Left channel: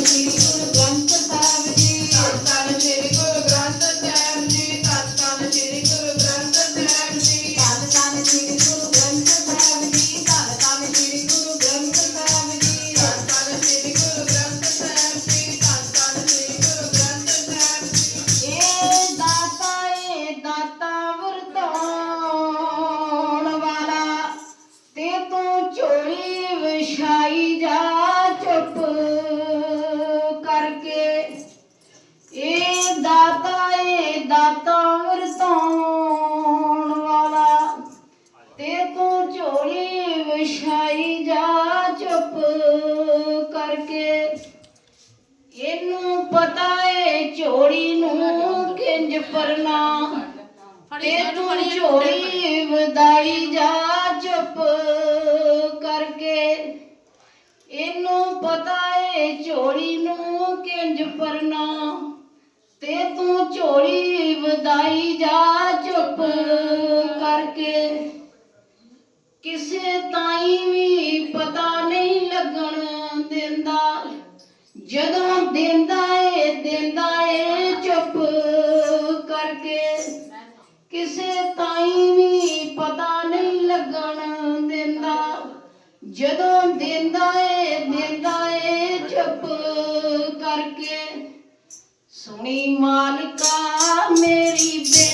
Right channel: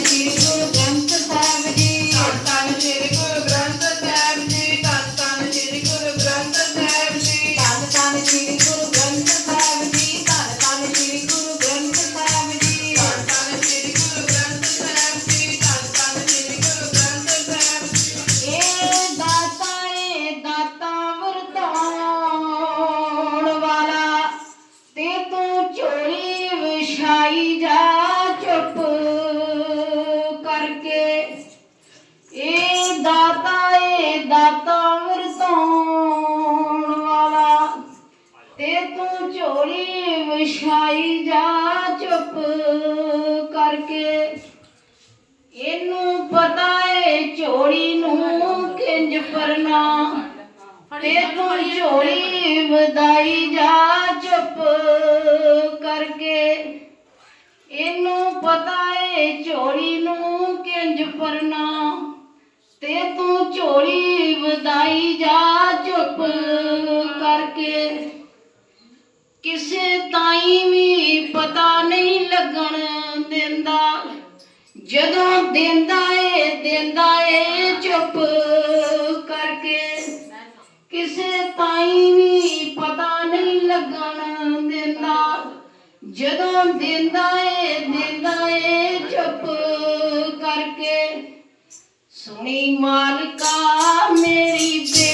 ਸ੍ਰੀ ਗੁਰੂ ਗ੍ਰੰਥ ਸਾਹਿਬ ਜੀ। ਕਰਕੇ ਏ ਦਾਤਾ ਏ ਦਾਤਾ ਵਰਤਾਉਣ ਵਾਲਾ। ਤੇ ਤੂੰ ਝੋਲੀ ਵਿਛਾਈ ਜਾ ਚੁੱਪ ਕਰਕੇ। ਇਹਨੂੰ ਪਤਾ ਏ ਝੋਲੀ ਨੂੰ ਕਿੰਜ ਪਰਨਾ ਤੇ ਤੂੰ ਝੋਲੀ ਵਧਾਈ ਜਾ ਚੁੱਪ ਪਤਾ ਝੋਲੀ ਨੂੰ ਕਿੰਜ ਪਰਨਾ, ਤੇ ਤੂੰ ਝੋਲੀ ਵਧਾਈ ਜਾ ਚੁੱਪ ਕਰਕੇ। ਕਿਸੇ ਤਾਈ ਵੀ ਪਤਾ ਨਹੀਂ ਲੱਗਣ ਦਿੰਦਾ, ਜਦੋਂ ਦਿੰਦਾ ਏ ਦਿੰਦਾ ਏ ਚੁੱਪ ਕਰਕੇ। ਕਿਸੇ ਦਿੰਦਾ ਏ ਦਿੰਦਾ ਏ ਚੁੱਪ ਕਰਕੇ। ਸੁਣੀ ਮਾਲਕਾ ਮੇਰੀ ਬੇਨਤੀ